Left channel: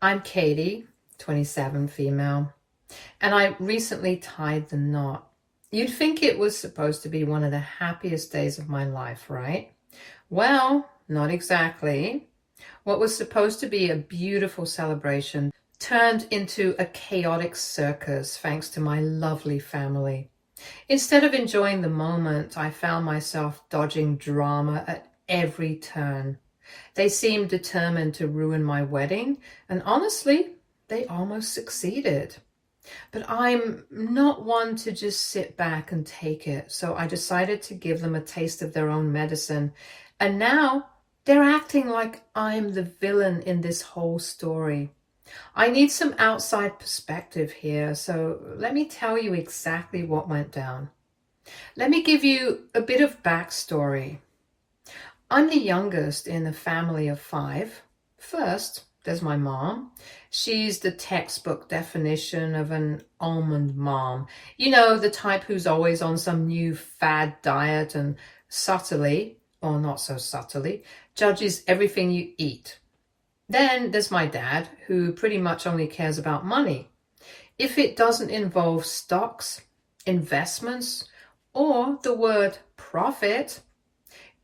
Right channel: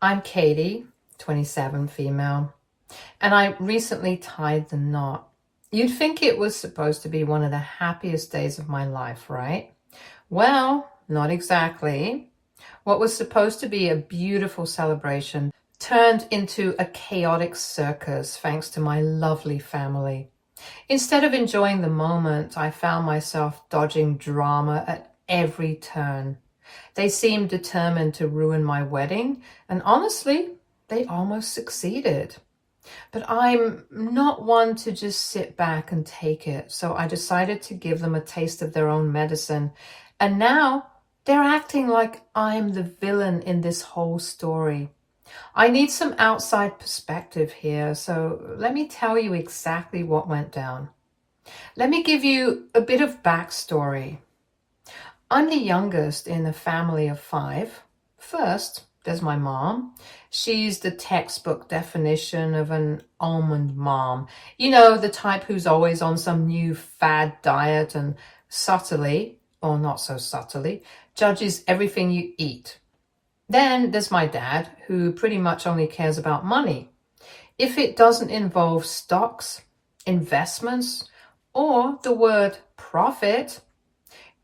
I'm Katie, 27, female, and I recently tied the knot. You'd think it was supposed to be one of the happiest days of my life, right? Well, not exactly. What was supposed to be a beautiful celebration turned into a chaotic circus thanks to my lovely family. Instead of enjoying the moment, I found myself dodging drama at every turn. They seemed determined to ruin my wedding, and honestly, they almost succeeded. But I'm not one to just sit back and take it, so I decided to give them a taste of their own medicine. And now they're acting like I'm the villain in this whole story. I need some outside perspective here, so let me tell you exactly what went down. Let me give you a bit of backstory. I'm the youngest in a family of 5. First, there's my mom. She's the textbook definition of an almond mom. You know, the type who's always on some new fad diet and subtly, or not so subtly, judges everything you eat. Then there's my dad, who pretty much only cares about money. If it doesn't involve stocks, investments, or the word profit,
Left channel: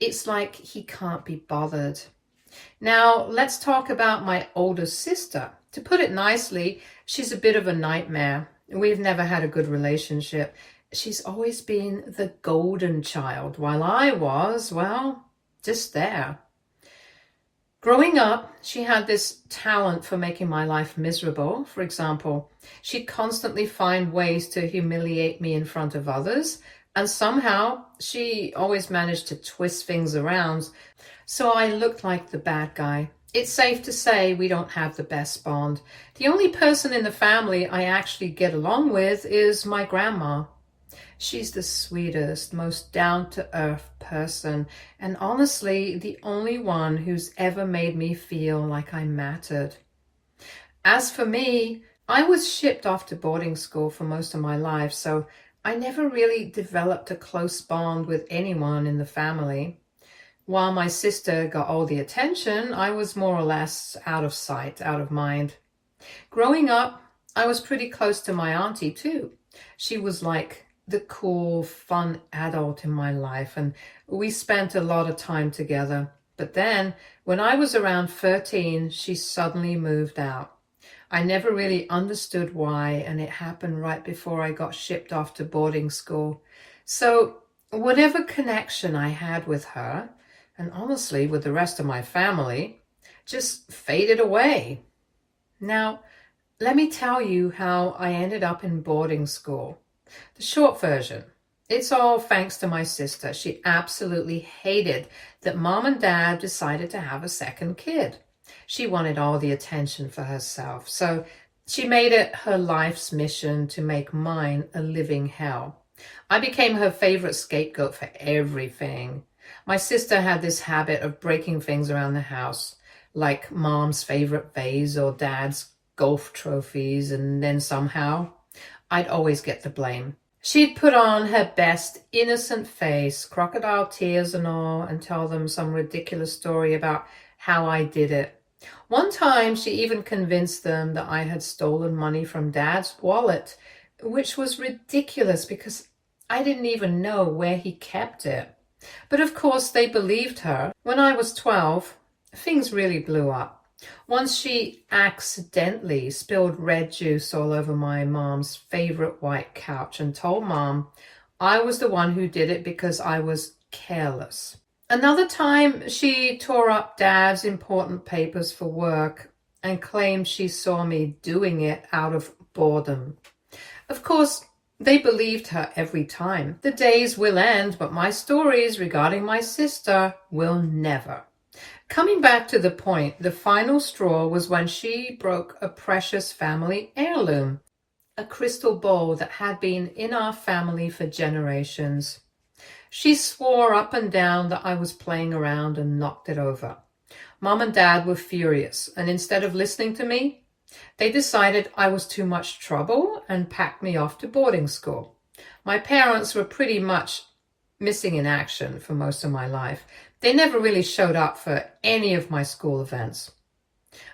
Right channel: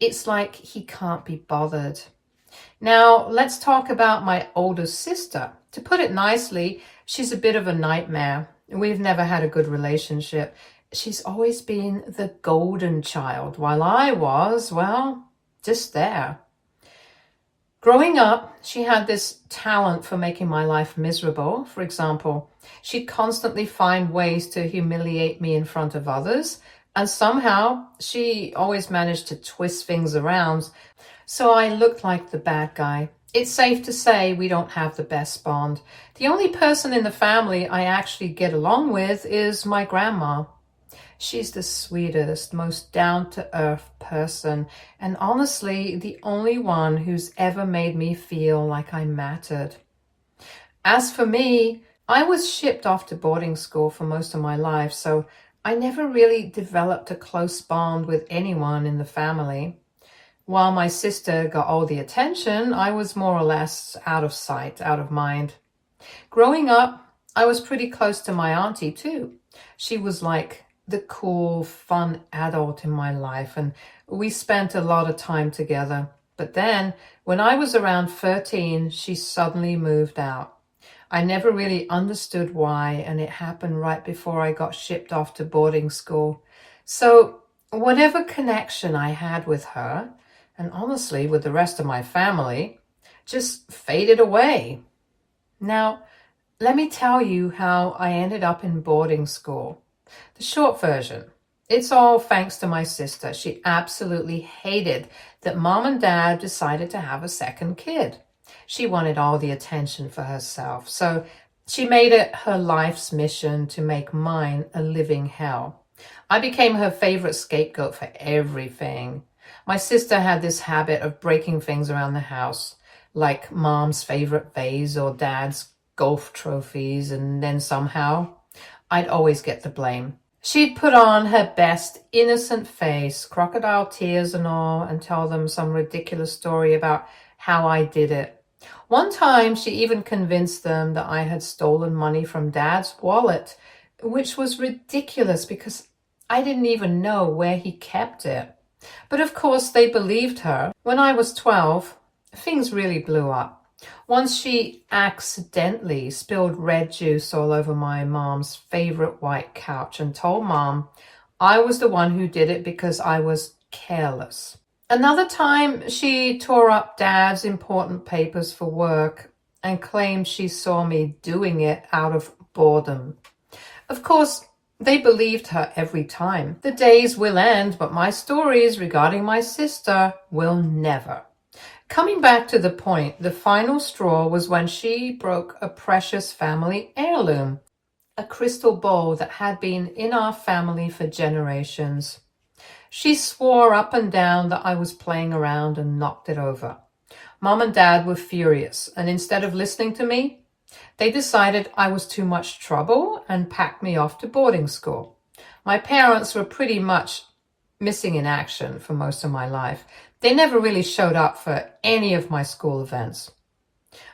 it's like he can't be bothered. Now, let's talk about my older sister. To put it nicely, she's a bit of a nightmare. We've never had a good relationship. She's always been the golden child, while I was, well, just there. Growing up, she had this talent for making my life miserable. For example, she'd constantly find ways to humiliate me in front of others, and somehow she always managed to twist things around, so I looked like the bad guy. It's safe to say we don't have the best bond. The only person in the family I actually get along with is my grandma. She's the sweetest, most down-to-earth person, and honestly, the only one who's ever made me feel like I mattered. As for me, I was shipped off to boarding school for most of my life, so I never really developed a close bond with anyone in the family. While my sister got all the attention, I was more or less out of sight, out of mind. Growing up, I was pretty close to my auntie too. She was like the cool, fun adult in my life, and we spent a lot of time together. But then, when I was around 13, she suddenly moved out. I never really understood why, and it happened right before I got shipped off to boarding school. So whatever connection I had with her, and honestly with the rest of my family, just faded away. Now, let me tell you how I ended up in boarding school. The short version, it's all thanks to my sister. She absolutely hated that mom and dad decided to have a second kid. She wanted all the attention for herself, so she made it her life's mission to make mine a living hell. I became her favorite scapegoat for everything. My sister had this habit of breaking things around the house, like mom's favorite vase or dad's golf trophies, and then somehow I'd always get the blame. She'd put on her best innocent face, crocodile tears and all, and tell them some ridiculous story about how I did it. One time, she even convinced them that I had stolen money from Dad's wallet, which was ridiculous because I didn't even know where he kept it. But of course, they believed her. When I was 12, things really blew up. Once she accidentally spilled red juice all over my mom's favorite white couch and told Mom I was the one who did it because I was careless. Another time, she tore up Dad's important papers for work and claimed she saw me doing it out of boredom. Of course, they believed her every time. The days will end, but my stories regarding my sister will never. Coming back to the point, the final straw was when she broke a precious family heirloom, a crystal bowl that had been in our family for generations. She swore up and down that I was playing around and knocked it over. Mom and Dad were furious, and instead of listening to me, they decided I was too much trouble and packed me off to boarding school. My parents were pretty much missing in action for most of my life. They never really showed up for any of my school events.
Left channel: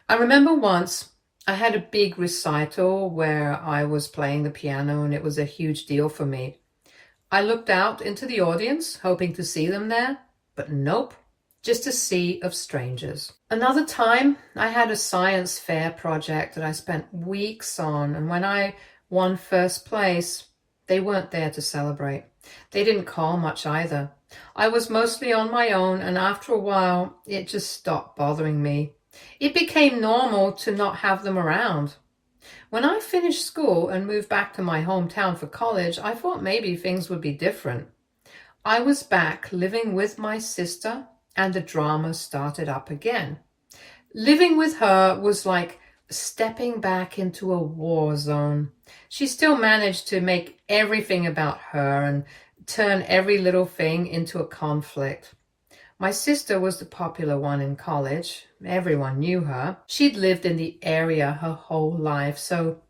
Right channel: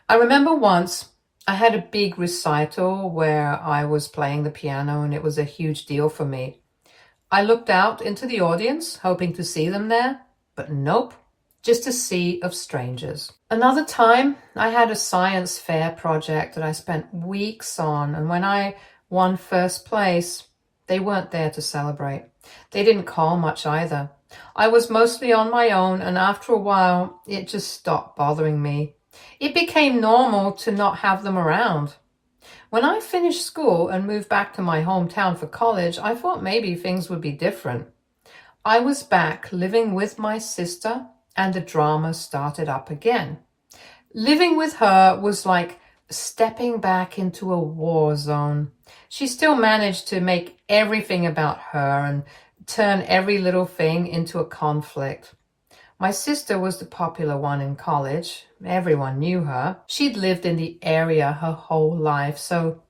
I remember once I had a big recital where I was playing the piano and it was a huge deal for me. I looked out into the audience, hoping to see them there, but nope, just a sea of strangers. Another time, I had a science fair project that I spent weeks on, and when I won first place, they weren't there to celebrate. They didn't call much either. I was mostly on my own, and after a while, it just stopped bothering me. It became normal to not have them around. When I finished school and moved back to my hometown for college, I thought maybe things would be different. I was back living with my sister, and the drama started up again. Living with her was like stepping back into a war zone. She still managed to make everything about her and turn every little thing into a conflict. My sister was the popular one in college. Everyone knew her. She'd lived in the area her whole life, so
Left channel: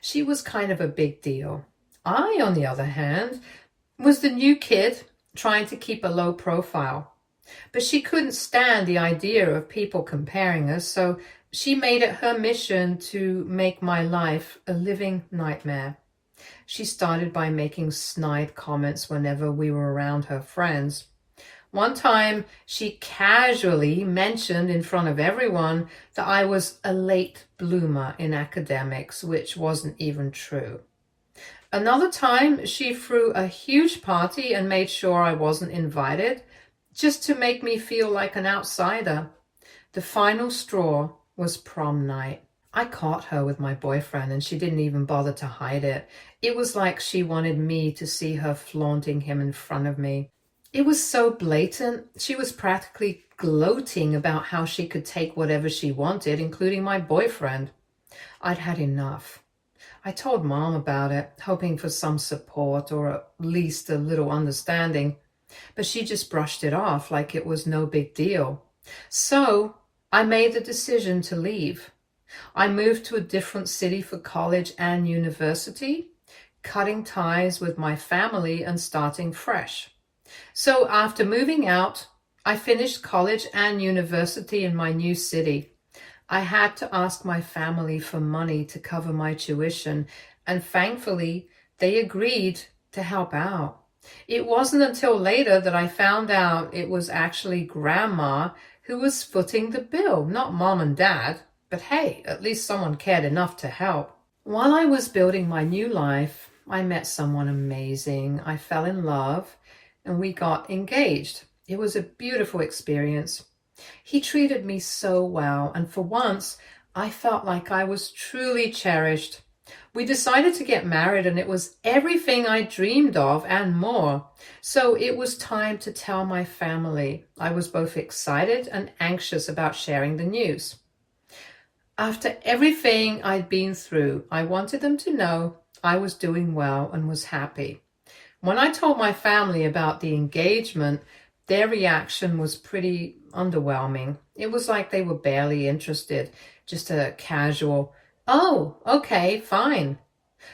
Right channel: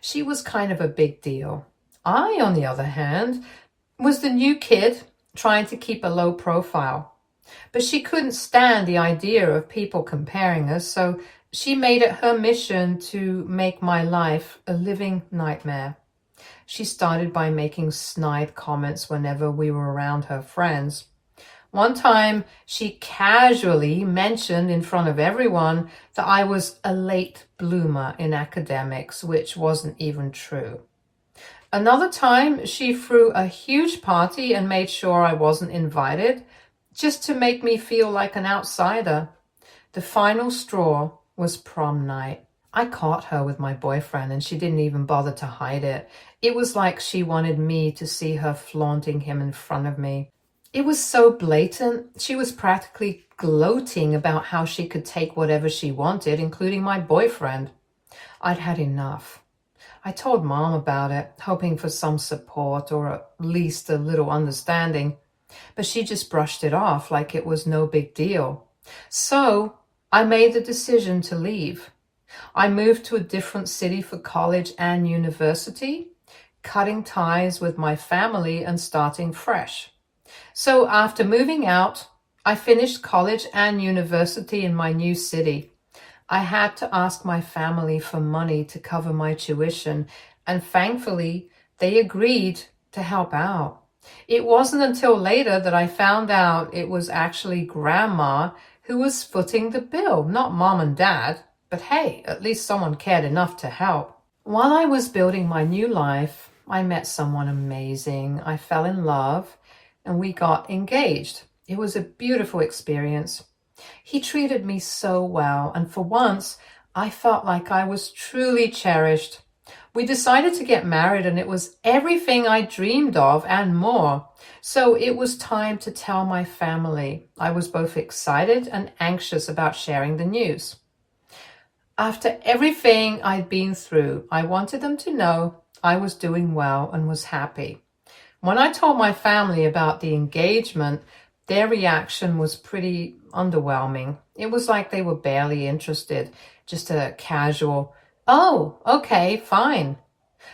she was kind of a big deal. I, on the other hand, was the new kid trying to keep a low profile. But she couldn't stand the idea of people comparing us, so she made it her mission to make my life a living nightmare. She started by making snide comments whenever we were around her friends. One time, she casually mentioned in front of everyone that I was a late bloomer in academics, which wasn't even true. Another time, she threw a huge party and made sure I wasn't invited, just to make me feel like an outsider. The final straw was prom night. I caught her with my boyfriend and she didn't even bother to hide it. It was like she wanted me to see her flaunting him in front of me. It was so blatant. She was practically gloating about how she could take whatever she wanted, including my boyfriend. I'd had enough. I told Mom about it, hoping for some support or at least a little understanding, but she just brushed it off like it was no big deal. So I made the decision to leave. I moved to a different city for college and university, cutting ties with my family and starting fresh. So after moving out, I finished college and university in my new city. I had to ask my family for money to cover my tuition, and thankfully, they agreed to help out. It wasn't until later that I found out it was actually Grandma who was footing the bill, not Mom and Dad. But hey, at least someone cared enough to help. While I was building my new life, I met someone amazing. I fell in love and we got engaged. It was a beautiful experience. He treated me so well, and for once, I felt like I was truly cherished. We decided to get married, and it was everything I dreamed of and more. So it was time to tell my family. I was both excited and anxious about sharing the news. After everything I'd been through, I wanted them to know I was doing well and was happy. When I told my family about the engagement, their reaction was pretty underwhelming. It was like they were barely interested, just a casual, "Oh, okay, fine."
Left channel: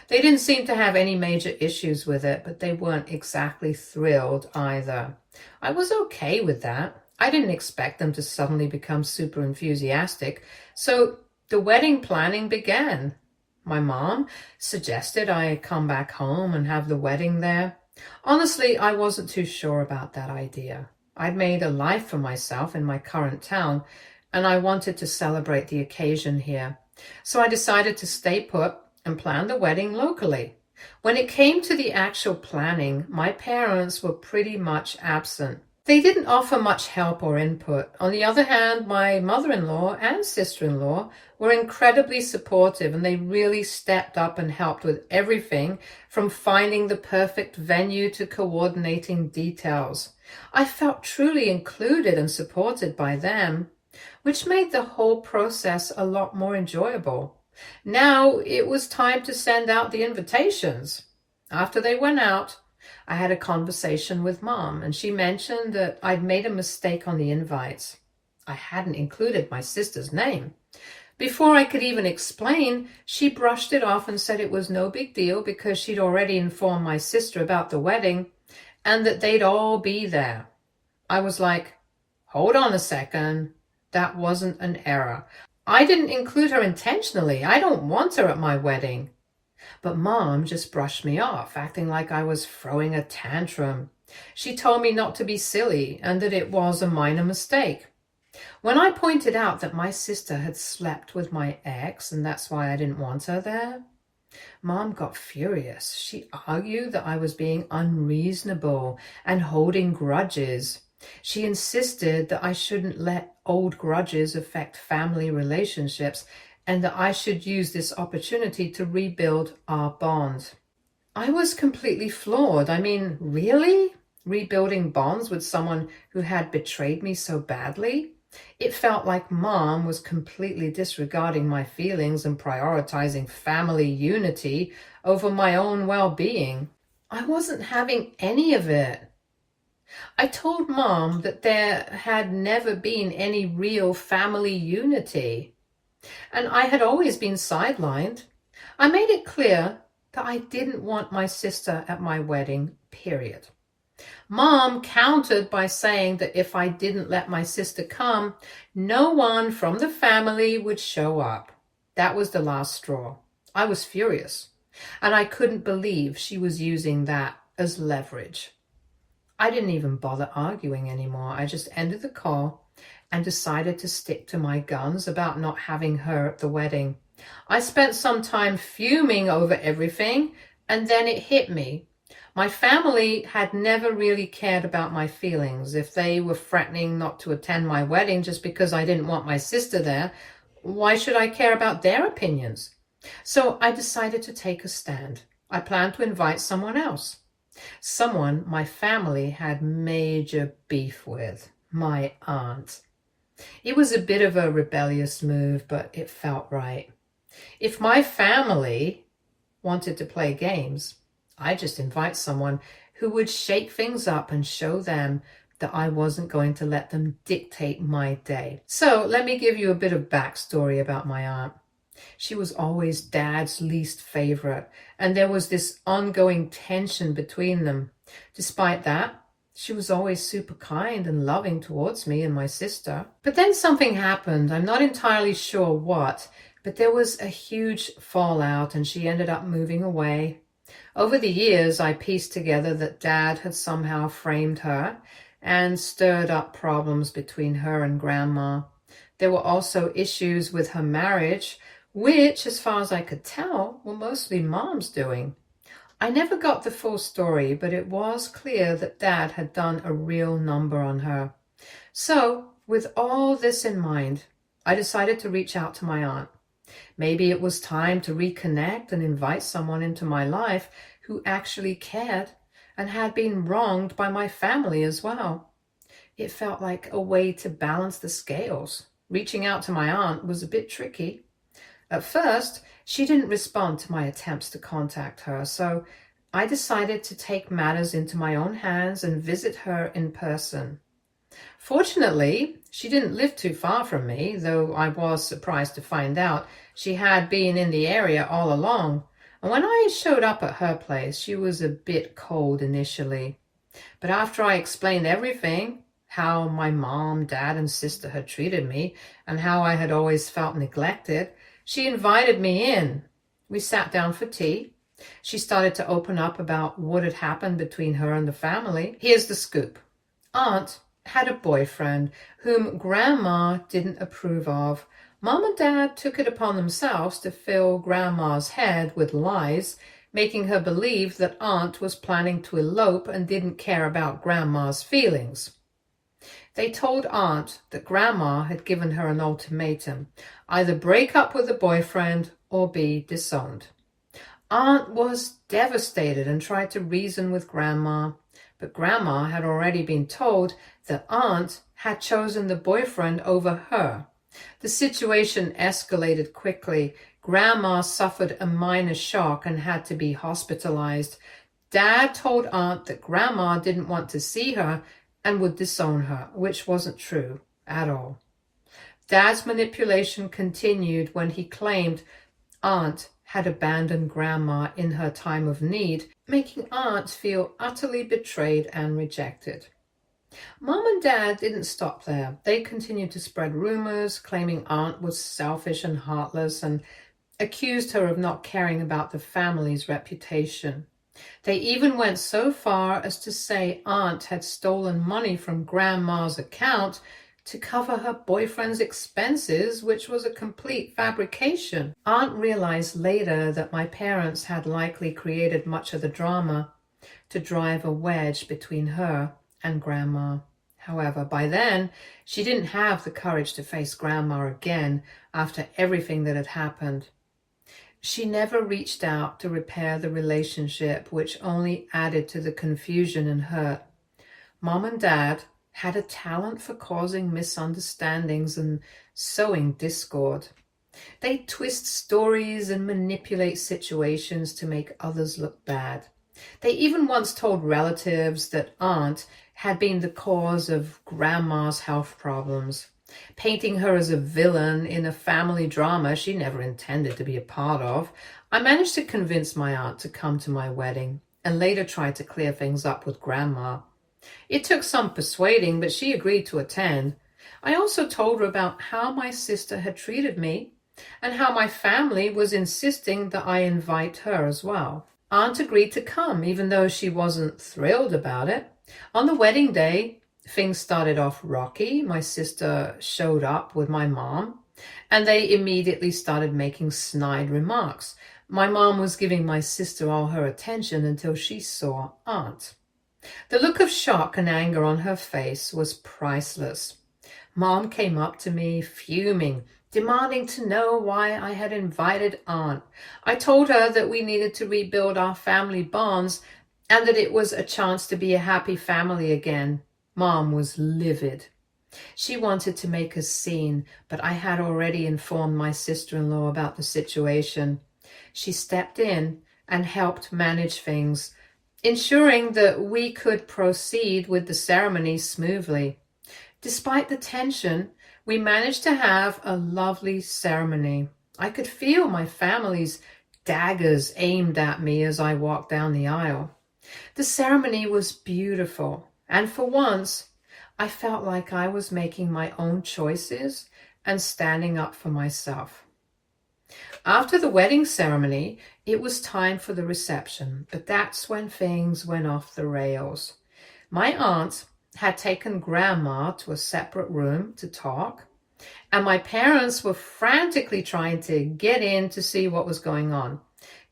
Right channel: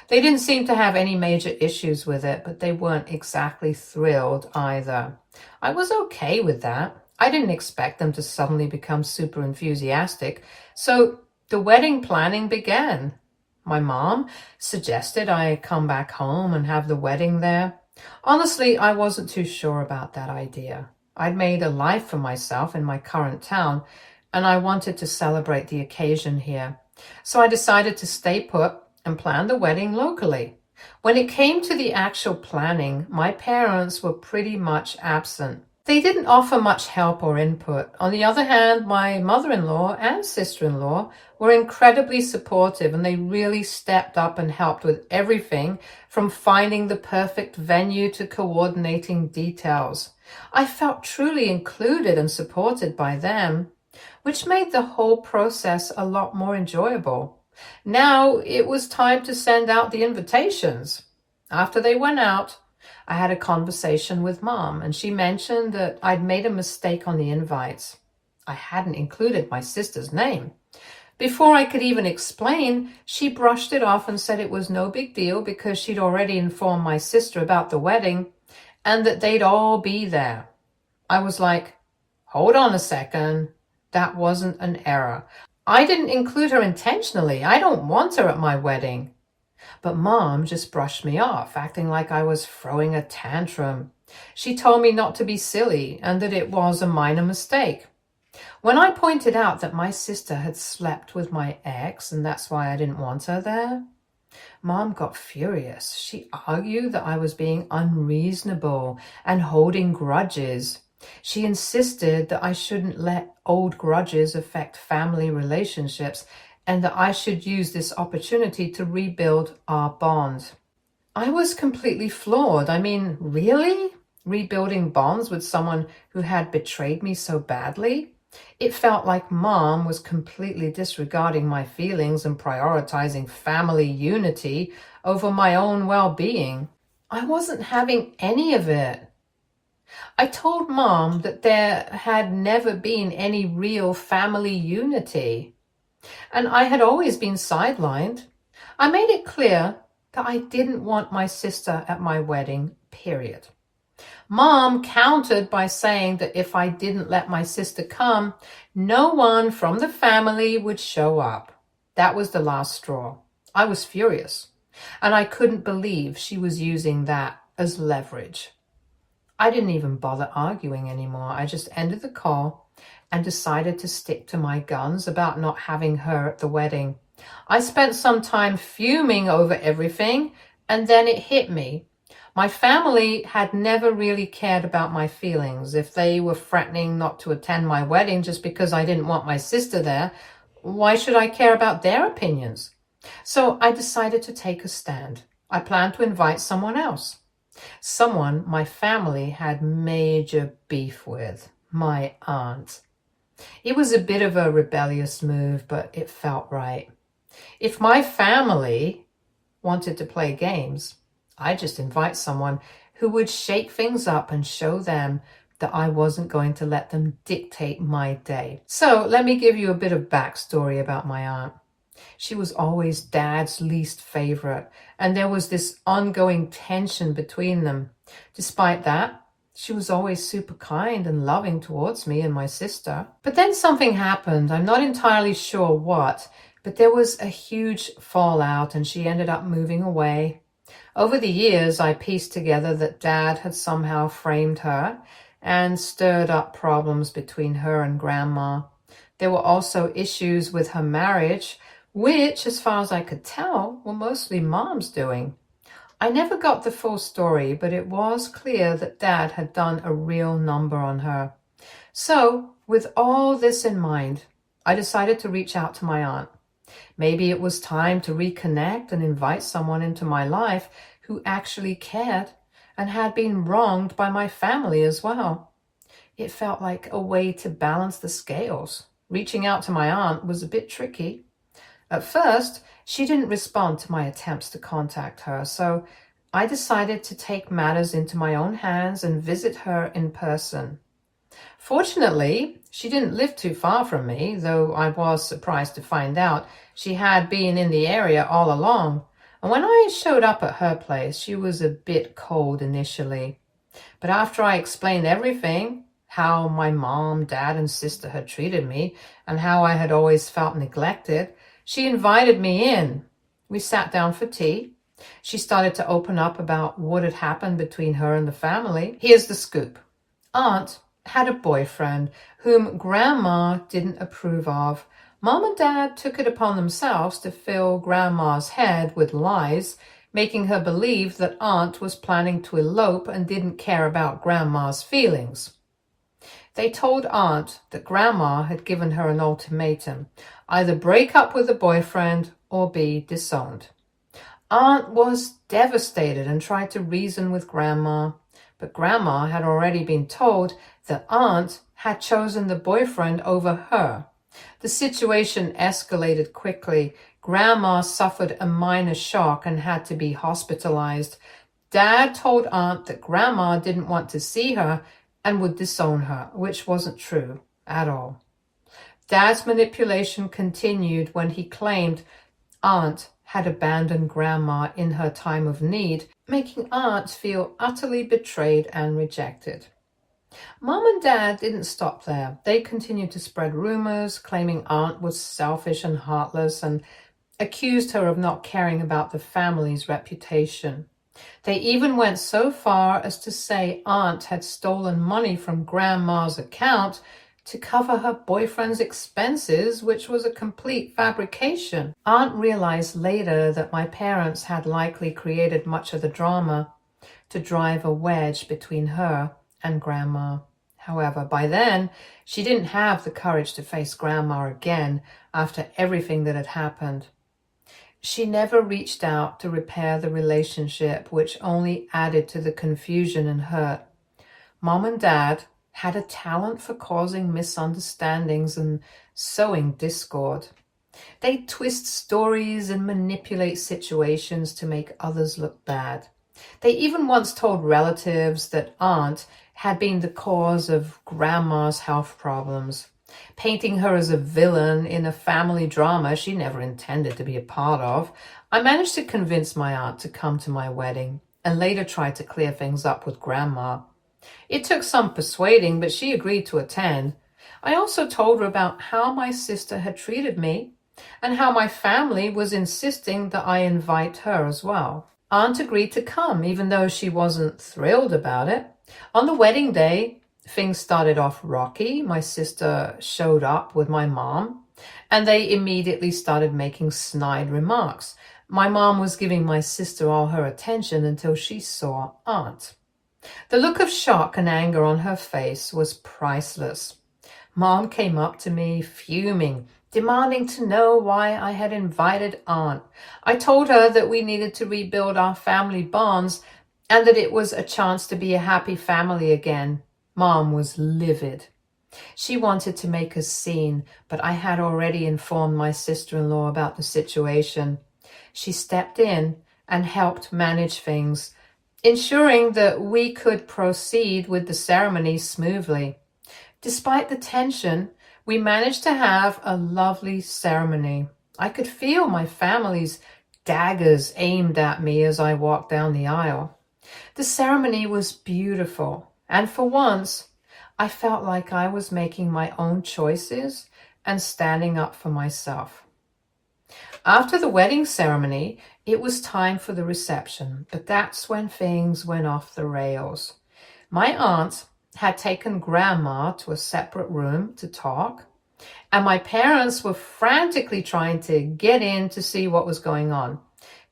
They didn't seem to have any major issues with it, but they weren't exactly thrilled either. I was okay with that. I didn't expect them to suddenly become super enthusiastic, so the wedding planning began. My mom suggested I come back home and have the wedding there. Honestly, I wasn't too sure about that idea. I'd made a life for myself in my current town, and I wanted to celebrate the occasion here. So I decided to stay put and plan the wedding locally. When it came to the actual planning, my parents were pretty much absent. They didn't offer much help or input. On the other hand, my mother-in-law and sister-in-law were incredibly supportive, and they really stepped up and helped with everything from finding the perfect venue to coordinating details. I felt truly included and supported by them, which made the whole process a lot more enjoyable. Now it was time to send out the invitations. After they went out, I had a conversation with Mom, and she mentioned that I'd made a mistake on the invites. I hadn't included my sister's name. Before I could even explain, she brushed it off and said it was no big deal because she'd already informed my sister about the wedding and that they'd all be there. I was like, hold on a second. That wasn't an error. I didn't include her intentionally. I don't want her at my wedding. But Mom just brushed me off, acting like I was throwing a tantrum. She told me not to be silly and that it was a minor mistake. When I pointed out that my sister had slept with my ex and that's why I didn't want her there, Mom got furious. She argued that I was being unreasonable and holding grudges. She insisted that I shouldn't let old grudges affect family relationships and that I should use this opportunity to rebuild our bond. I was completely floored. I mean, really? Rebuilding bonds with someone who had betrayed me so badly? It felt like Mom was completely disregarding my feelings and prioritizing family unity over my own well-being. I wasn't having any of it. I told Mom that there had never been any real family unity, and I had always been sidelined. I made it clear that I didn't want my sister at my wedding, period. Mom countered by saying that if I didn't let my sister come, no one from the family would show up. That was the last straw. I was furious, and I couldn't believe she was using that as leverage. I didn't even bother arguing anymore. I just ended the call and decided to stick to my guns about not having her at the wedding. I spent some time fuming over everything, and then it hit me. My family had never really cared about my feelings. If they were threatening not to attend my wedding just because I didn't want my sister there, why should I care about their opinions? So I decided to take a stand. I planned to invite someone else. Someone my family had major beef with, my aunt. It was a bit of a rebellious move, but it felt right. If my family wanted to play games, I just invite someone who would shake things up and show them that I wasn't going to let them dictate my day. So let me give you a bit of backstory about my aunt. She was always Dad's least favorite, and there was this ongoing tension between them. Despite that, she was always super kind and loving towards me and my sister. But then something happened. I'm not entirely sure what, but there was a huge fallout and she ended up moving away. Over the years, I pieced together that Dad had somehow framed her and stirred up problems between her and Grandma. There were also issues with her marriage, which, as far as I could tell, were mostly Mom's doing. I never got the full story, but it was clear that Dad had done a real number on her. So, with all this in mind, I decided to reach out to my aunt. Maybe it was time to reconnect and invite someone into my life who actually cared and had been wronged by my family as well. It felt like a way to balance the scales. Reaching out to my aunt was a bit tricky. At first, she didn't respond to my attempts to contact her, so I decided to take matters into my own hands and visit her in person. Fortunately, she didn't live too far from me, though I was surprised to find out she had been in the area all along. And when I showed up at her place, she was a bit cold initially. But after I explained everything, how my mom, dad, and sister had treated me, and how I had always felt neglected, she invited me in. We sat down for tea. She started to open up about what had happened between her and the family. Here's the scoop. Aunt had a boyfriend whom Grandma didn't approve of. Mom and Dad took it upon themselves to fill Grandma's head with lies, making her believe that Aunt was planning to elope and didn't care about Grandma's feelings. They told Aunt that Grandma had given her an ultimatum, either break up with the boyfriend or be disowned. Aunt was devastated and tried to reason with Grandma, but Grandma had already been told that Aunt had chosen the boyfriend over her. The situation escalated quickly. Grandma suffered a minor shock and had to be hospitalized. Dad told Aunt that Grandma didn't want to see her and would disown her, which wasn't true at all. Dad's manipulation continued when he claimed Aunt had abandoned Grandma in her time of need, making Aunt feel utterly betrayed and rejected. Mom and Dad didn't stop there. They continued to spread rumors, claiming Aunt was selfish and heartless, and accused her of not caring about the family's reputation. They even went so far as to say Aunt had stolen money from Grandma's account to cover her boyfriend's expenses, which was a complete fabrication. Aunt realized later that my parents had likely created much of the drama to drive a wedge between her and Grandma. However, by then, she didn't have the courage to face Grandma again after everything that had happened. She never reached out to repair the relationship, which only added to the confusion and hurt. Mom and Dad had a talent for causing misunderstandings and sowing discord. They twist stories and manipulate situations to make others look bad. They even once told relatives that Aunt had been the cause of Grandma's health problems, painting her as a villain in a family drama she never intended to be a part of. I managed to convince my aunt to come to my wedding and later tried to clear things up with Grandma. It took some persuading, but she agreed to attend. I also told her about how my sister had treated me and how my family was insisting that I invite her as well. Aunt agreed to come, even though she wasn't thrilled about it. On the wedding day, things started off rocky. My sister showed up with my mom, and they immediately started making snide remarks. My mom was giving my sister all her attention until she saw Aunt. The look of shock and anger on her face was priceless. Mom came up to me, fuming, demanding to know why I had invited Aunt. I told her that we needed to rebuild our family bonds and that it was a chance to be a happy family again. Mom was livid. She wanted to make a scene, but I had already informed my sister-in-law about the situation. She stepped in and helped manage things, ensuring that we could proceed with the ceremony smoothly. Despite the tension, we managed to have a lovely ceremony. I could feel my family's daggers aimed at me as I walked down the aisle. The ceremony was beautiful, and for once, I felt like I was making my own choices and standing up for myself. After the wedding ceremony, it was time for the reception, but that's when things went off the rails. My aunt had taken Grandma to a separate room to talk, and my parents were frantically trying to get in to see what was going on.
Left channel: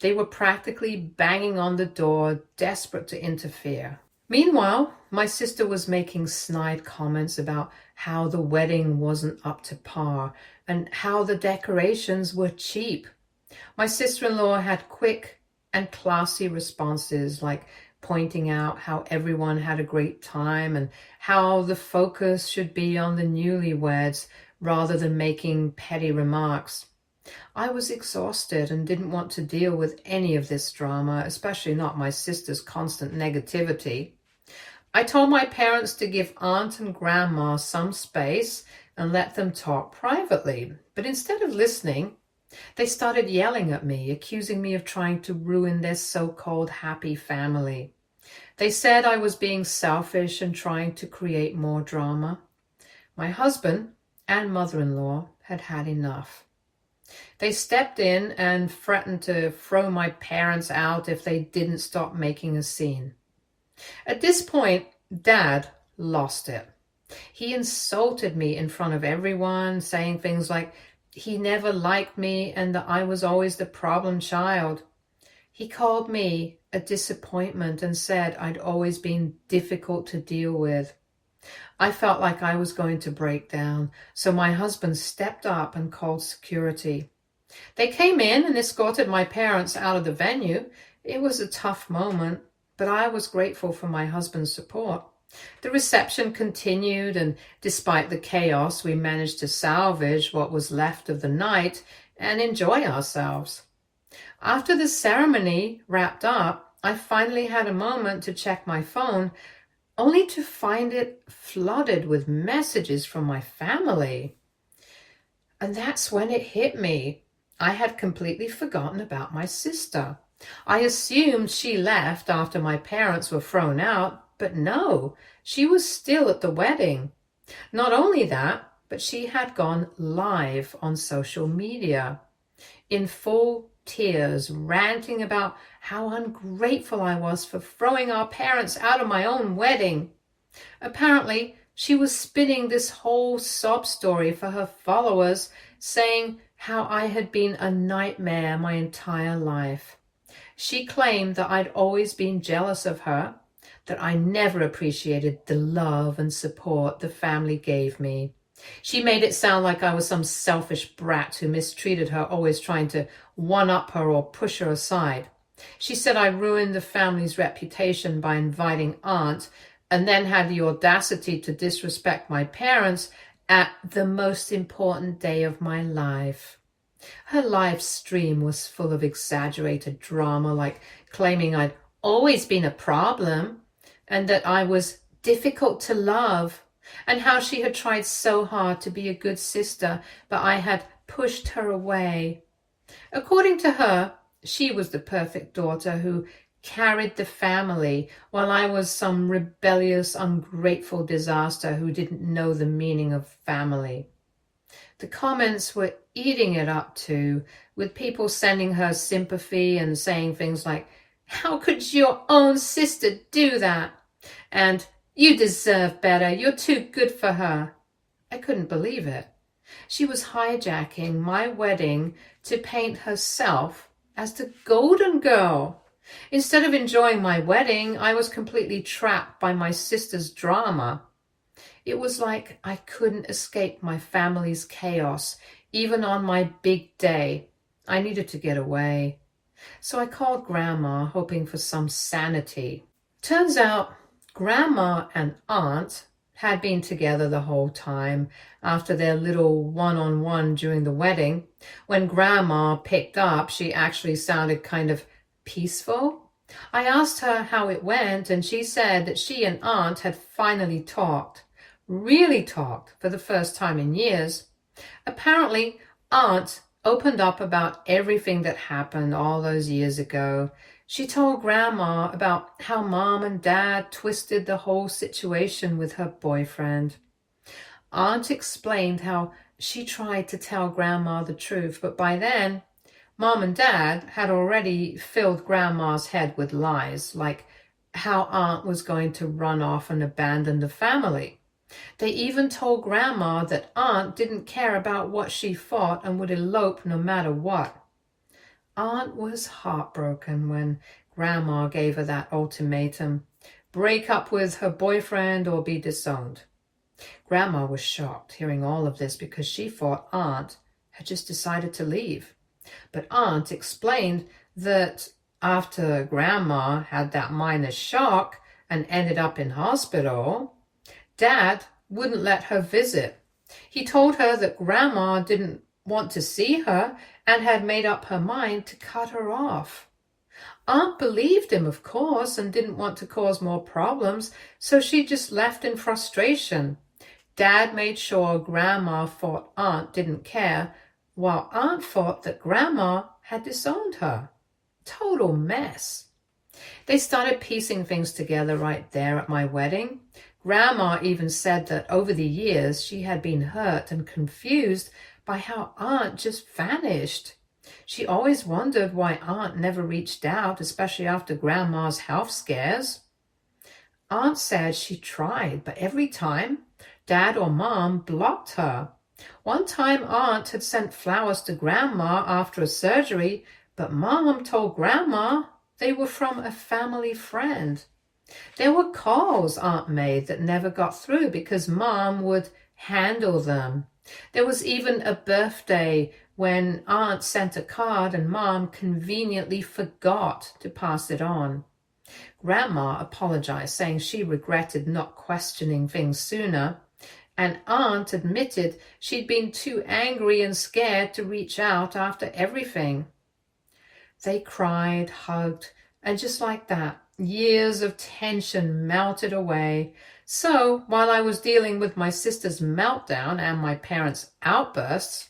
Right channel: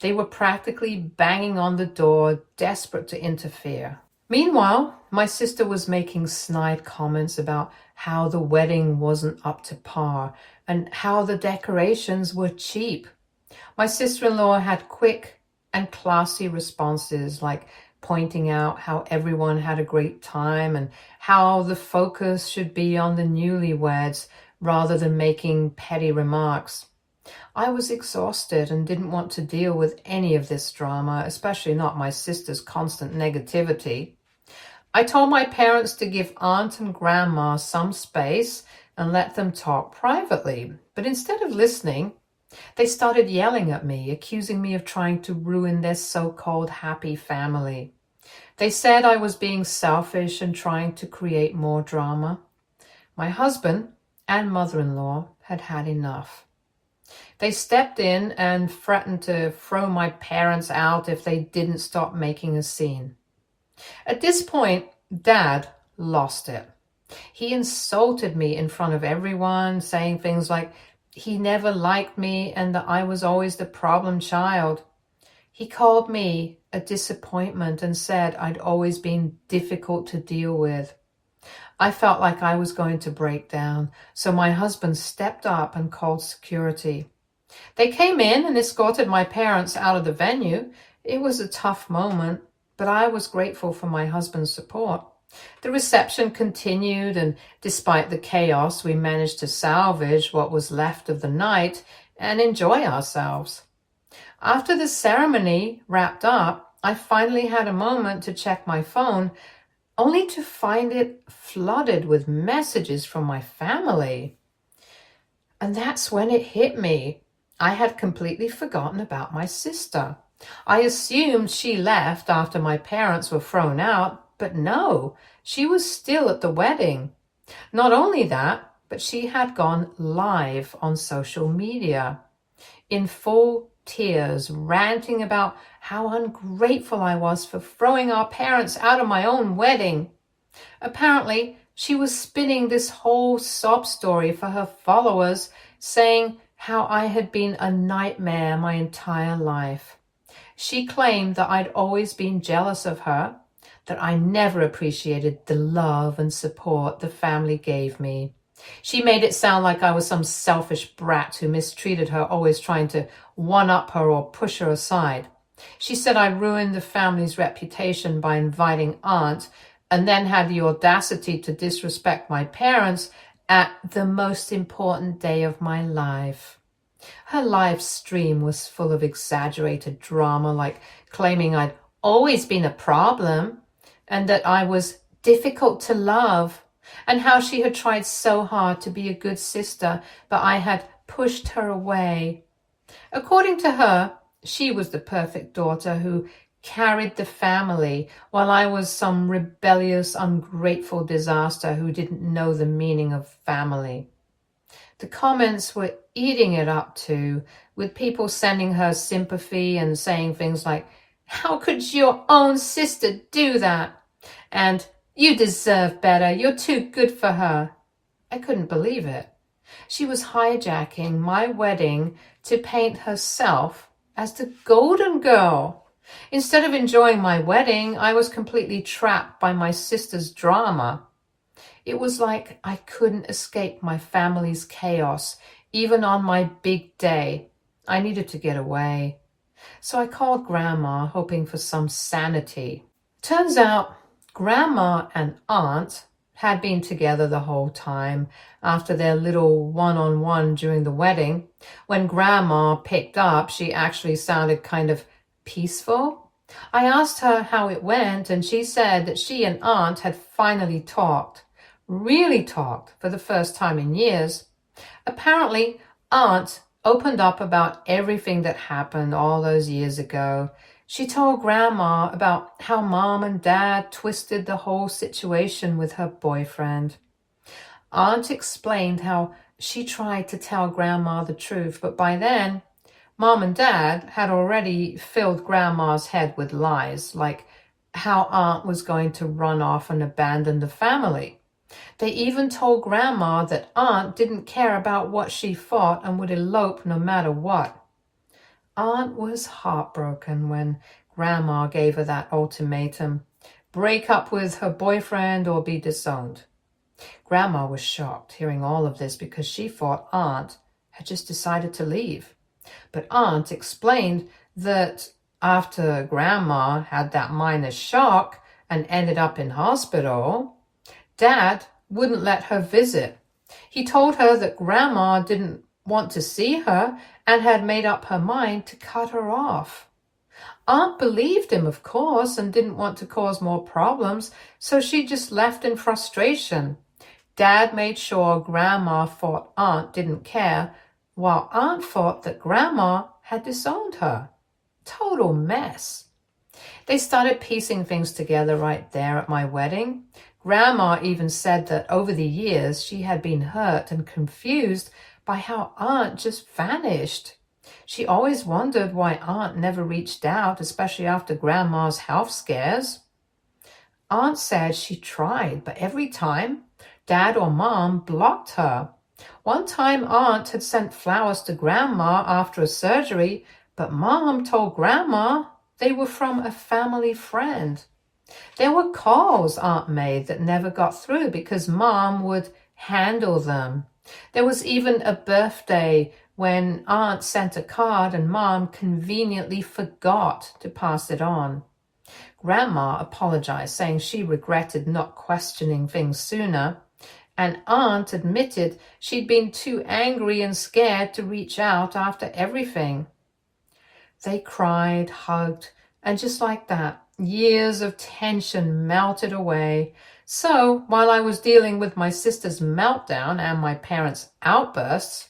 They were practically banging on the door, desperate to interfere. Meanwhile, my sister was making snide comments about how the wedding wasn't up to par and how the decorations were cheap. My sister-in-law had quick and classy responses, like pointing out how everyone had a great time and how the focus should be on the newlyweds rather than making petty remarks. I was exhausted and didn't want to deal with any of this drama, especially not my sister's constant negativity. I told my parents to give Aunt and Grandma some space and let them talk privately, but instead of listening, they started yelling at me, accusing me of trying to ruin their so-called happy family. They said I was being selfish and trying to create more drama. My husband and mother-in-law had had enough. They stepped in and threatened to throw my parents out if they didn't stop making a scene. At this point, Dad lost it. He insulted me in front of everyone, saying things like he never liked me and that I was always the problem child. He called me a disappointment and said I'd always been difficult to deal with. I felt like I was going to break down, so my husband stepped up and called security. They came in and escorted my parents out of the venue. It was a tough moment, but I was grateful for my husband's support. The reception continued, and despite the chaos, we managed to salvage what was left of the night and enjoy ourselves. After the ceremony wrapped up, I finally had a moment to check my phone, only to find it flooded with messages from my family. And that's when it hit me. I had completely forgotten about my sister. I assumed she left after my parents were thrown out, but no, she was still at the wedding. Not only that, but she had gone live on social media in full tears, ranting about how ungrateful I was for throwing our parents out of my own wedding. Apparently, she was spinning this whole sob story for her followers, saying how I had been a nightmare my entire life. She claimed that I'd always been jealous of her, that I never appreciated the love and support the family gave me. She made it sound like I was some selfish brat who mistreated her, always trying to one-up her or push her aside. She said I ruined the family's reputation by inviting Aunt, and then had the audacity to disrespect my parents at the most important day of my life. Her live stream was full of exaggerated drama, like claiming I'd always been a problem and that I was difficult to love, and how she had tried so hard to be a good sister, but I had pushed her away. According to her, she was the perfect daughter who carried the family, while I was some rebellious, ungrateful disaster who didn't know the meaning of family. The comments were eating it up too, with people sending her sympathy and saying things like, "How could your own sister do that?" And "You deserve better, you're too good for her." I couldn't believe it. She was hijacking my wedding to paint herself as the golden girl. Instead of enjoying my wedding, I was completely trapped by my sister's drama. It was like I couldn't escape my family's chaos, even on my big day. I needed to get away. So I called Grandma, hoping for some sanity. Turns out Grandma and Aunt had been together the whole time after their little one-on-one during the wedding. When Grandma picked up, she actually sounded kind of peaceful. I asked her how it went, and she said that she and Aunt had finally talked, really talked, for the first time in years. Apparently, Aunt opened up about everything that happened all those years ago. She told Grandma about how Mom and Dad twisted the whole situation with her boyfriend. Aunt explained how she tried to tell Grandma the truth, but by then, Mom and Dad had already filled Grandma's head with lies, like how Aunt was going to run off and abandon the family. They even told Grandma that Aunt didn't care about what she thought and would elope no matter what. Aunt was heartbroken when Grandma gave her that ultimatum: break up with her boyfriend or be disowned. Grandma was shocked hearing all of this because she thought Aunt had just decided to leave. But Aunt explained that after Grandma had that minor shock and ended up in hospital, Dad wouldn't let her visit. He told her that Grandma didn't want to see her and had made up her mind to cut her off. Aunt believed him, of course, and didn't want to cause more problems, so she just left in frustration. Dad made sure Grandma thought Aunt didn't care, while Aunt thought that Grandma had disowned her. Total mess. They started piecing things together right there at my wedding. Grandma even said that over the years she had been hurt and confused by how Aunt just vanished. She always wondered why Aunt never reached out, especially after Grandma's health scares. Aunt said she tried, but every time, Dad or Mom blocked her. One time, Aunt had sent flowers to Grandma after a surgery, but Mom told Grandma they were from a family friend. There were calls Aunt made that never got through because Mom would handle them. There was even a birthday when Aunt sent a card and Mom conveniently forgot to pass it on. Grandma apologized, saying she regretted not questioning things sooner, and Aunt admitted she'd been too angry and scared to reach out after everything. They cried, hugged, and just like that, years of tension melted away. So while I was dealing with my sister's meltdown and my parents' outbursts,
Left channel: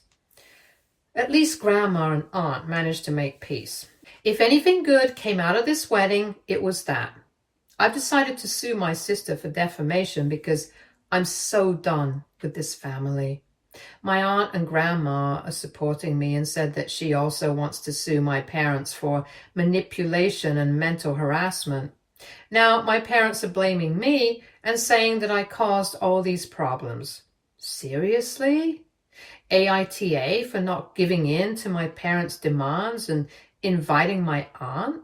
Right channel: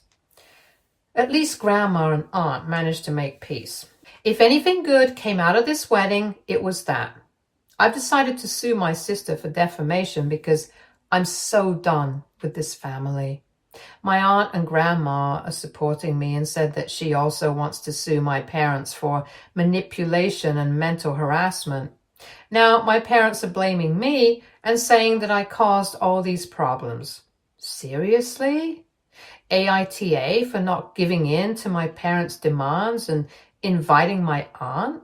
at least Grandma and Aunt managed to make peace. If anything good came out of this wedding, it was that. I've decided to sue my sister for defamation because I'm so done with this family. My aunt and grandma are supporting me and said that she also wants to sue my parents for manipulation and mental harassment. Now, my parents are blaming me and saying that I caused all these problems. Seriously? AITA for not giving in to my parents' demands and inviting my aunt?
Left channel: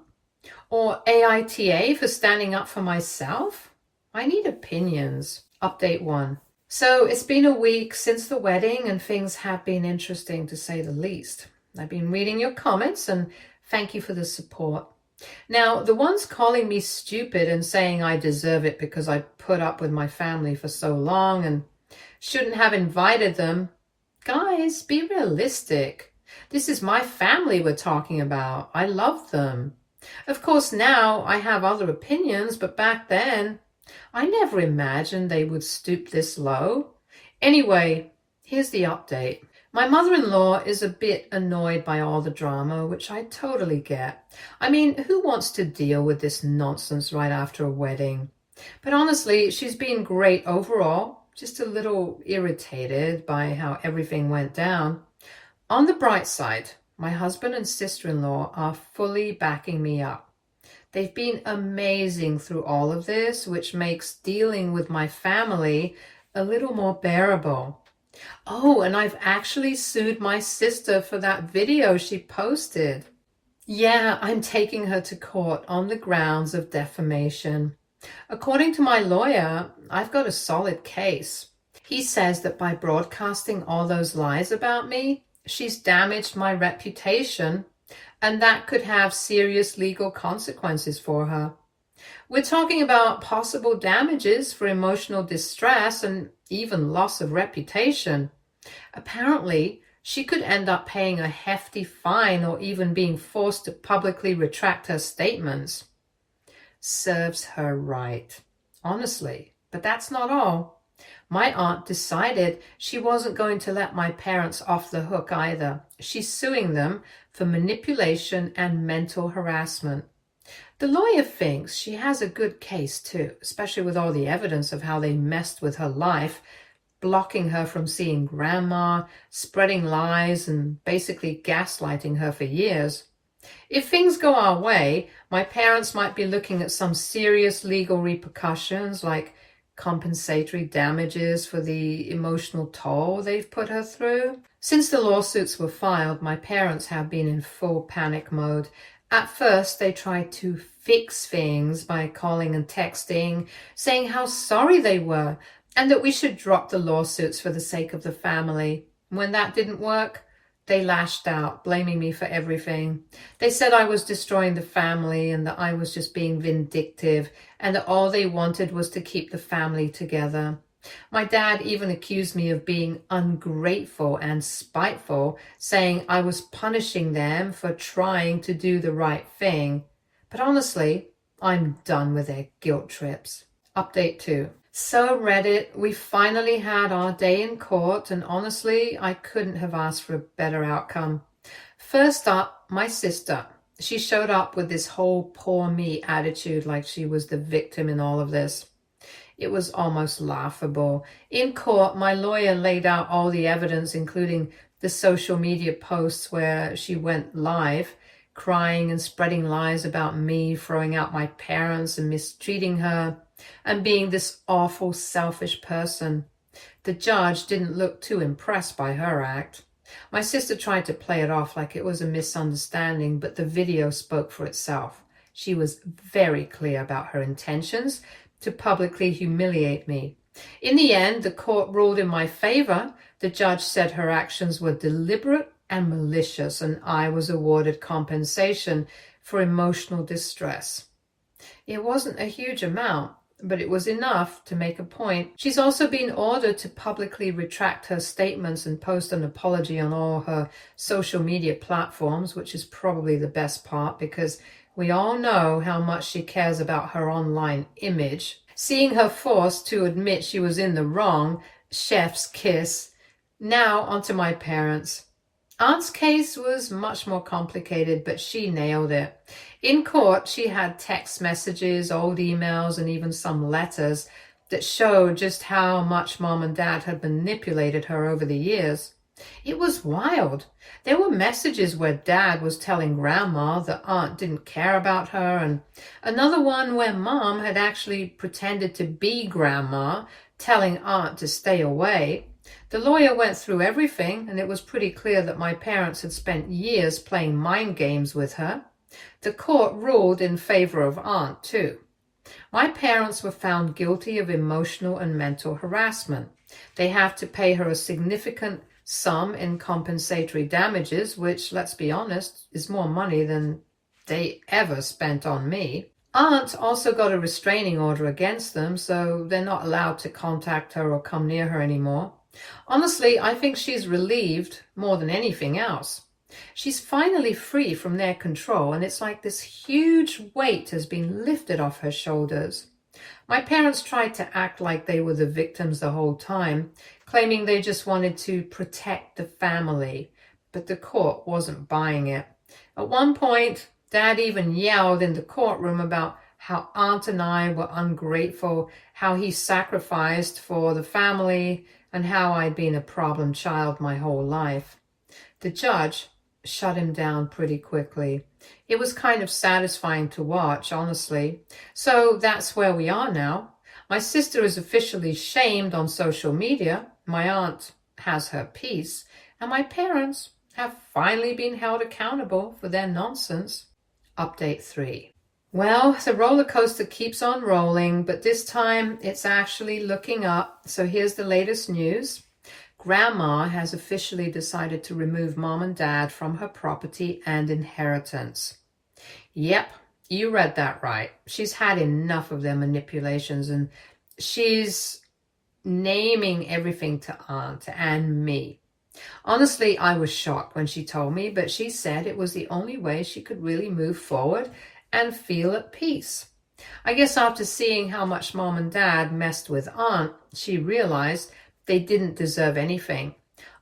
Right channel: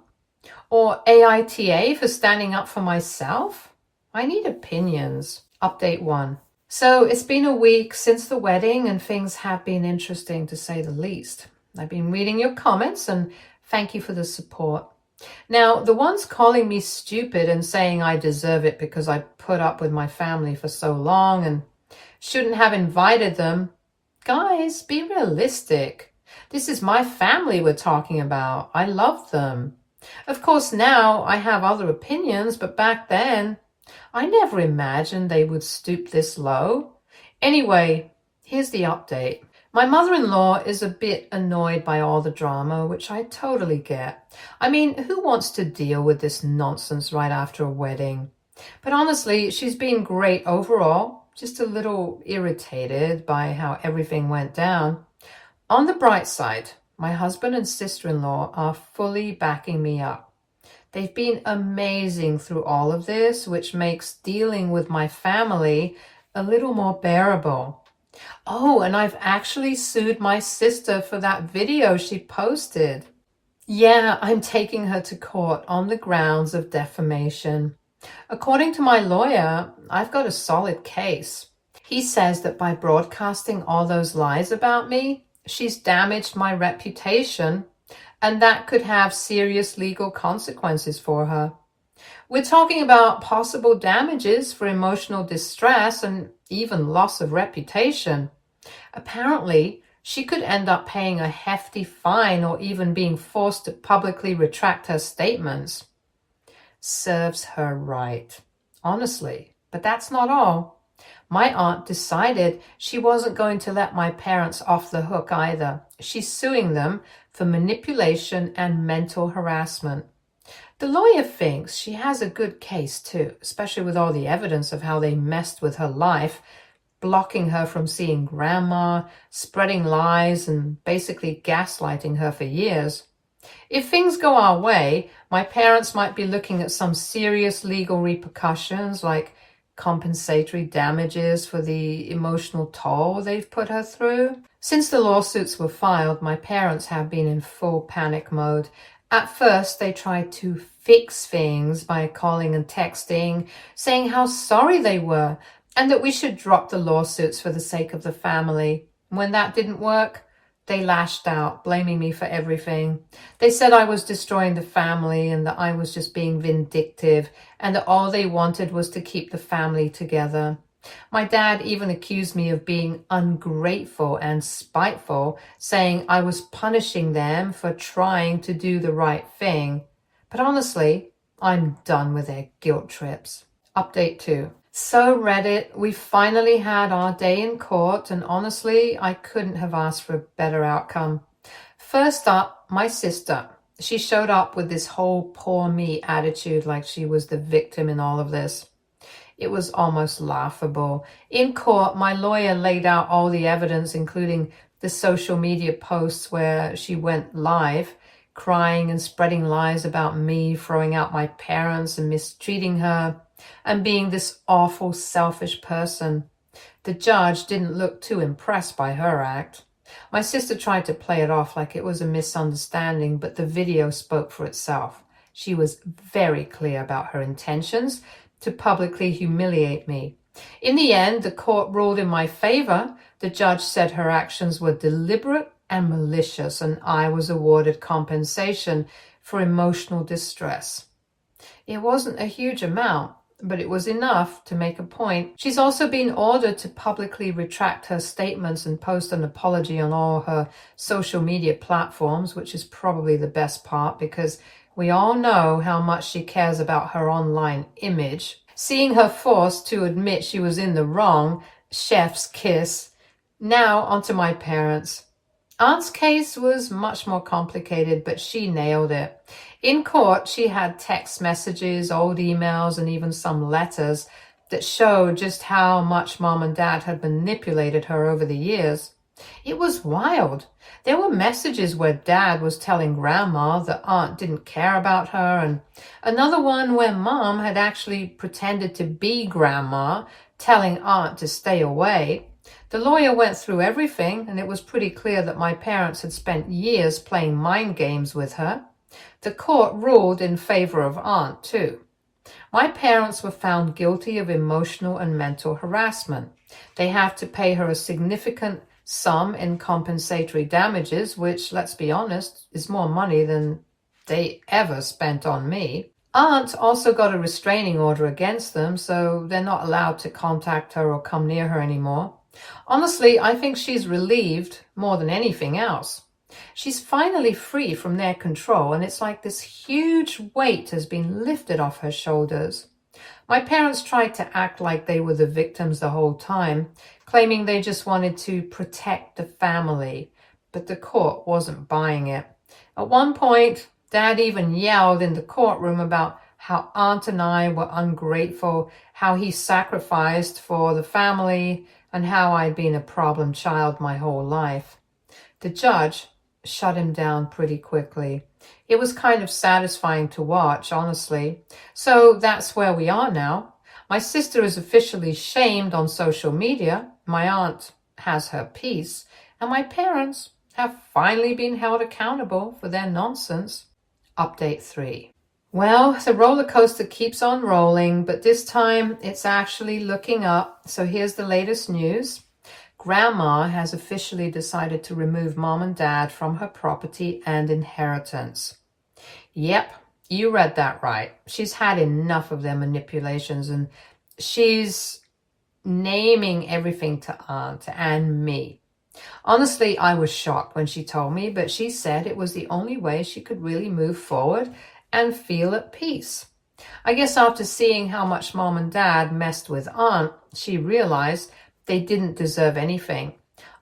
Or AITA for standing up for myself? I need opinions. Update 1. So it's been a week since the wedding and things have been interesting to say the least. I've been reading your comments and thank you for the support. Now, the ones calling me stupid and saying I deserve it because I put up with my family for so long and shouldn't have invited them. Guys, be realistic. This is my family we're talking about. I love them. Of course, now I have other opinions, but back then, I never imagined they would stoop this low. Anyway, here's the update. My mother-in-law is a bit annoyed by all the drama, which I totally get. I mean, who wants to deal with this nonsense right after a wedding? But honestly, she's been great overall, just a little irritated by how everything went down. On the bright side, my husband and sister-in-law are fully backing me up. They've been amazing through all of this, which makes dealing with my family a little more bearable. Oh, and I've actually sued my sister for that video she posted. Yeah, I'm taking her to court on the grounds of defamation. According to my lawyer, I've got a solid case. He says that by broadcasting all those lies about me, she's damaged my reputation, and that could have serious legal consequences for her. We're talking about possible damages for emotional distress and even loss of reputation. Apparently, she could end up paying a hefty fine or even being forced to publicly retract her statements. Serves her right. Honestly, but that's not all. My aunt decided she wasn't going to let my parents off the hook either. She's suing them for manipulation and mental harassment. The lawyer thinks she has a good case too, especially with all the evidence of how they messed with her life, blocking her from seeing grandma, spreading lies, and basically gaslighting her for years. If things go our way, my parents might be looking at some serious legal repercussions like compensatory damages for the emotional toll they've put her through. Since the lawsuits were filed, my parents have been in full panic mode. At first, they tried to fix things by calling and texting, saying how sorry they were and that we should drop the lawsuits for the sake of the family. When that didn't work, they lashed out, blaming me for everything. They said I was destroying the family and that I was just being vindictive and that all they wanted was to keep the family together. My dad even accused me of being ungrateful and spiteful, saying I was punishing them for trying to do the right thing. But honestly, I'm done with their guilt trips. Update 2. So Reddit, we finally had our day in court, and honestly, I couldn't have asked for a better outcome. First up, my sister. She showed up with this whole poor me attitude, like she was the victim in all of this. It was almost laughable. In court, my lawyer laid out all the evidence, including the social media posts where she went live, crying and spreading lies about me, throwing out my parents and mistreating her, and being this awful, selfish person. The judge didn't look too impressed by her act. My sister tried to play it off like it was a misunderstanding, but the video spoke for itself. She was very clear about her intentions to publicly humiliate me. In the end, the court ruled in my favor. The judge said her actions were deliberate and malicious, and I was awarded compensation for emotional distress. It wasn't a huge amount, but it was enough to make a point. She's also been ordered to publicly retract her statements and post an apology on all her social media platforms, which is probably the best part because we all know how much she cares about her online image. Seeing her forced to admit she was in the wrong, chef's kiss. Now onto my parents. Aunt's case was much more complicated, but she nailed it. In court, she had text messages, old emails, and even some letters that showed just how much mom and dad had manipulated her over the years. It was wild. There were messages where dad was telling grandma that aunt didn't care about her, and another one where mom had actually pretended to be grandma, telling aunt to stay away. The lawyer went through everything, and it was pretty clear that my parents had spent years playing mind games with her. The court ruled in favor of aunt, too. My parents were found guilty of emotional and mental harassment. They have to pay her a significant sum in compensatory damages, which, let's be honest, is more money than they ever spent on me. Aunt also got a restraining order against them, so they're not allowed to contact her or come near her anymore. Honestly, I think she's relieved more than anything else. She's finally free from their control, and it's like this huge weight has been lifted off her shoulders. My parents tried to act like they were the victims the whole time, claiming they just wanted to protect the family, but the court wasn't buying it. At one point, Dad even yelled in the courtroom about how Aunt and I were ungrateful, how he sacrificed for the family, and how I'd been a problem child my whole life. The judge shut him down pretty quickly. It was kind of satisfying to watch, honestly. So that's where we are now. My sister is officially shamed on social media. My aunt has her peace. And my parents have finally been held accountable for their nonsense. Update 3. Well, the roller coaster keeps on rolling, but this time it's actually looking up. So here's the latest news. Grandma has officially decided to remove mom and dad from her property and inheritance. Yep, you read that right. She's had enough of their manipulations, and she's naming everything to Aunt and me. Honestly, I was shocked when she told me, but she said it was the only way she could really move forward and feel at peace. I guess after seeing how much mom and dad messed with Aunt, she realized they didn't deserve anything.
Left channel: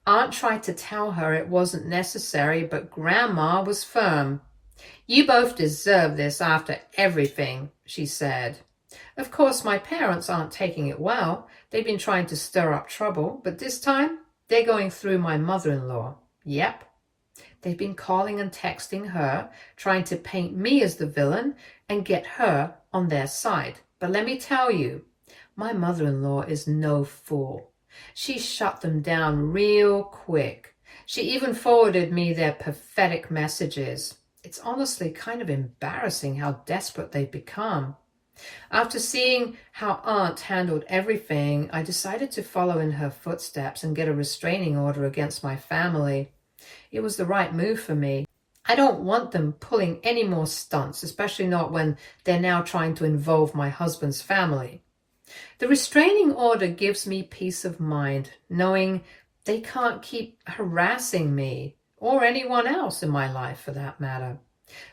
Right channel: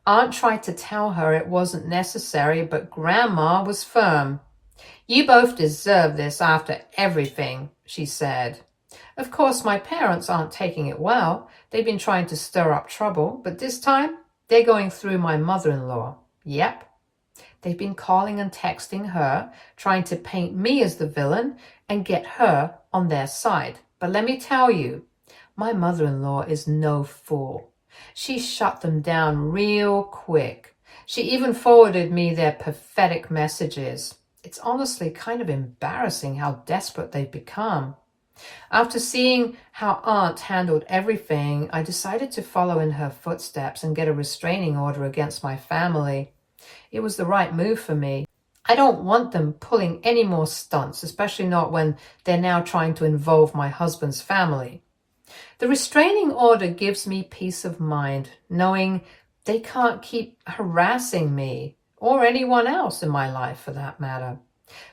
Aunt tried to tell her it wasn't necessary, but Grandma was firm. "You both deserve this after everything," she said. Of course, my parents aren't taking it well. They've been trying to stir up trouble, but this time they're going through my mother-in-law. Yep. They've been calling and texting her, trying to paint me as the villain and get her on their side. But let me tell you, my mother-in-law is no fool. She shut them down real quick. She even forwarded me their pathetic messages. It's honestly kind of embarrassing how desperate they've become. After seeing how Aunt handled everything, I decided to follow in her footsteps and get a restraining order against my family. It was the right move for me. I don't want them pulling any more stunts, especially not when they're now trying to involve my husband's family. The restraining order gives me peace of mind, knowing they can't keep harassing me or anyone else in my life for that matter.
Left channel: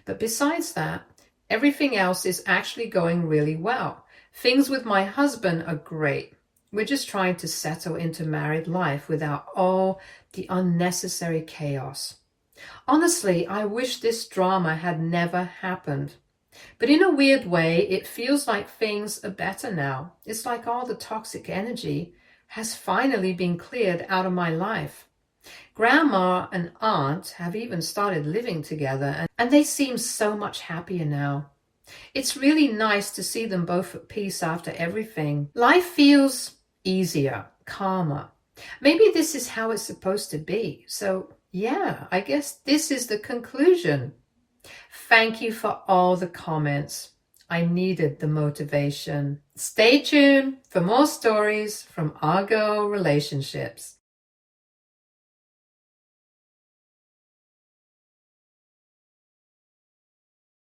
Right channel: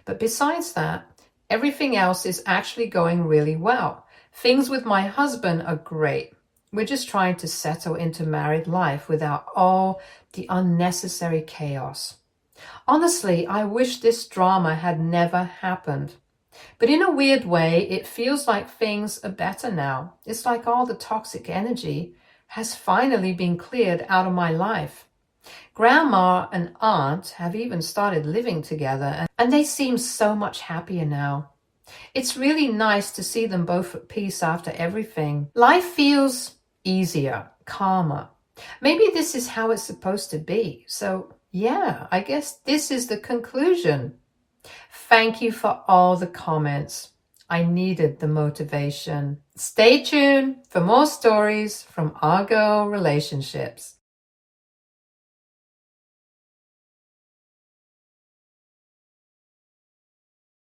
But besides that, everything else is actually going really well. Things with my husband are great. We're just trying to settle into married life without all the unnecessary chaos. Honestly, I wish this drama had never happened. But in a weird way, it feels like things are better now. It's like all the toxic energy has finally been cleared out of my life. Grandma and Aunt have even started living together, and they seem so much happier now. It's really nice to see them both at peace after everything. Life feels easier, calmer. Maybe this is how it's supposed to be. So yeah, I guess this is the conclusion. Thank you for all the comments. I needed the motivation. Stay tuned for more stories from Argo Relationships.